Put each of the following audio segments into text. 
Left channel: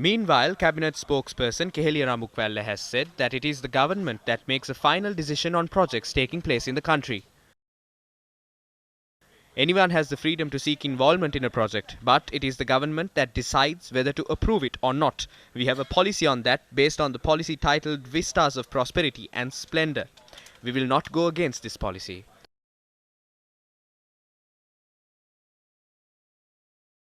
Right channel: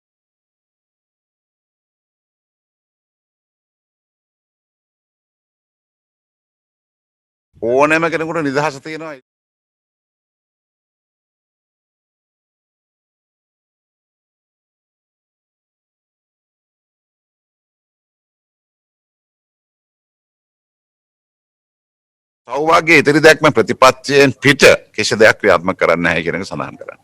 Meanwhile, Cabinet spokesperson Keheliya Ramukwella has said that it is the government that makes a final decision on projects taking place in the country. ඕනෑම කෙනෙකුට නිදහස තියෙනවා. Anyone has the freedom to seek involvement in a project, but it is the government that decides whether to approve it or not. We have a policy on that based on the policy titled Vistas of Prosperity and Splendor. We will not go against this policy. සෞභාග්‍ය ඉදිරි දැක්ම ප්‍රතිපත්තියෙන් පිට කිසි දෙයක් ක්‍රියාත්මක කරන්න නැහැ කියන එක සඳහන් කරනවා.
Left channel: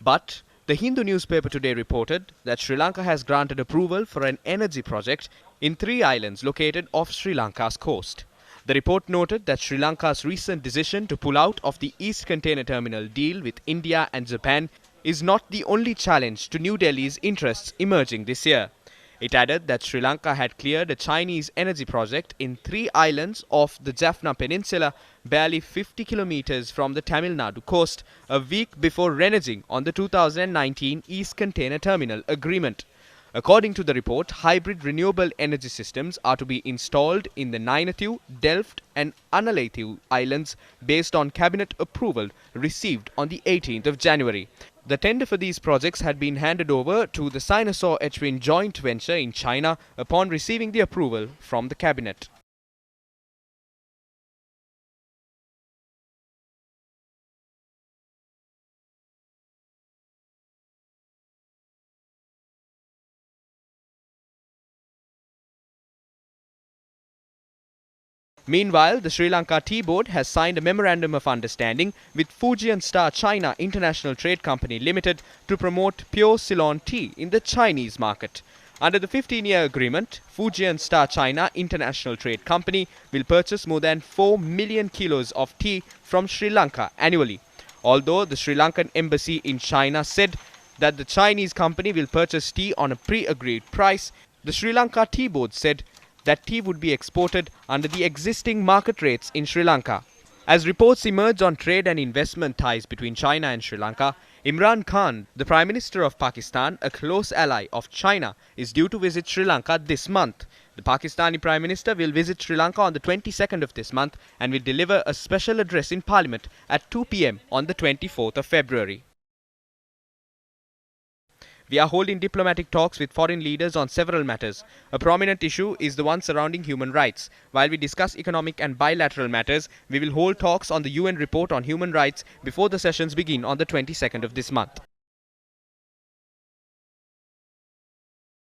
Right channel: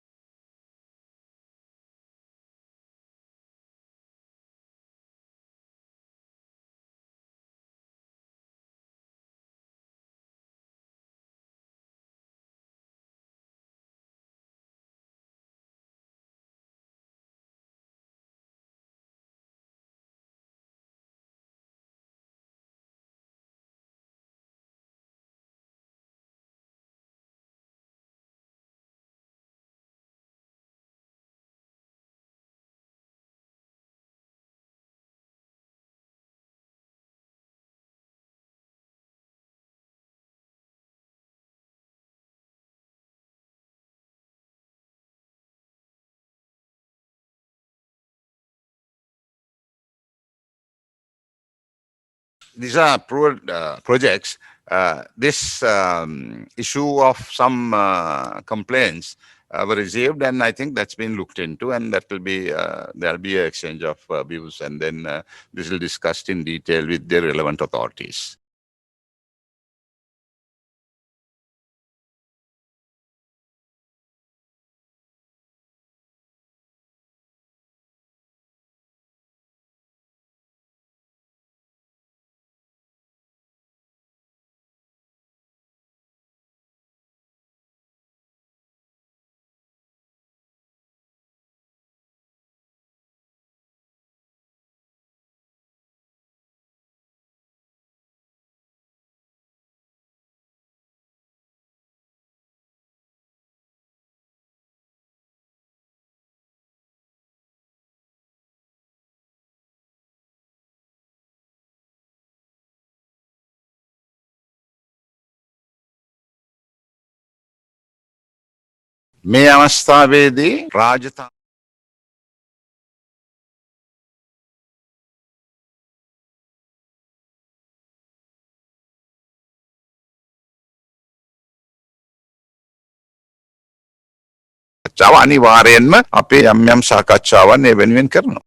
But the Hindu newspaper today reported that Sri Lanka has granted approval for an energy project in 3 islands located off Sri Lanka's coast. The report noted that Sri Lanka's recent decision to pull out of the East Container Terminal deal with India and Japan is not the only challenge to New Delhi's interests emerging this year. It added that Sri Lanka had cleared a Chinese energy project in 3 islands off the Jaffna Peninsula, barely 50 kilometers from the Tamil Nadu coast, a week before reneging on the 2019 East Container Terminal agreement. According to the report, hybrid renewable energy systems are to be installed in the Nainathu, Delft and Analathu islands based on cabinet approval received on the 18th of January. The tender for these projects had been handed over to the Sinosaur-Etwin joint venture in China upon receiving the approval from the cabinet. These are approved projects. This issue of some complaints were received, and I think that's been looked into, and that will be there'll be an exchange of views, and then this will be discussed in detail with the relevant authorities. Meanwhile, the Sri Lanka Tea Board has signed a memorandum of understanding with Fujian Star China International Trade Company Limited to promote pure Ceylon tea in the Chinese market. Under the 15-year agreement, Fujian Star China International Trade Company will purchase more than 4 million kilos of tea from Sri Lanka annually. Although the Sri Lankan embassy in China said that the Chinese company will purchase tea on a pre-agreed price, the Sri Lanka Tea Board said that tea would be exported under the existing market rates in Sri Lanka. As reports emerge on trade and investment ties between China and Sri Lanka, Imran Khan, the Prime Minister of Pakistan, a close ally of China, is due to visit Sri Lanka this month. The Pakistani Prime Minister will visit Sri Lanka on the 22nd of this month and will deliver a special address in Parliament at 2 p.m. on the 24th of February. මේ අවස්ථාවේදී රාජධානි We are holding diplomatic talks with foreign leaders on several matters. A prominent issue is the one surrounding human rights. While we discuss economic and bilateral matters, we will hold talks on the UN report on human rights before the sessions begin on the 22nd of this month. අනිවාර්යෙන්ම අපේ යම් යම් සාකච්ඡාවන් ඒ වෙනුවෙන් කරනවා.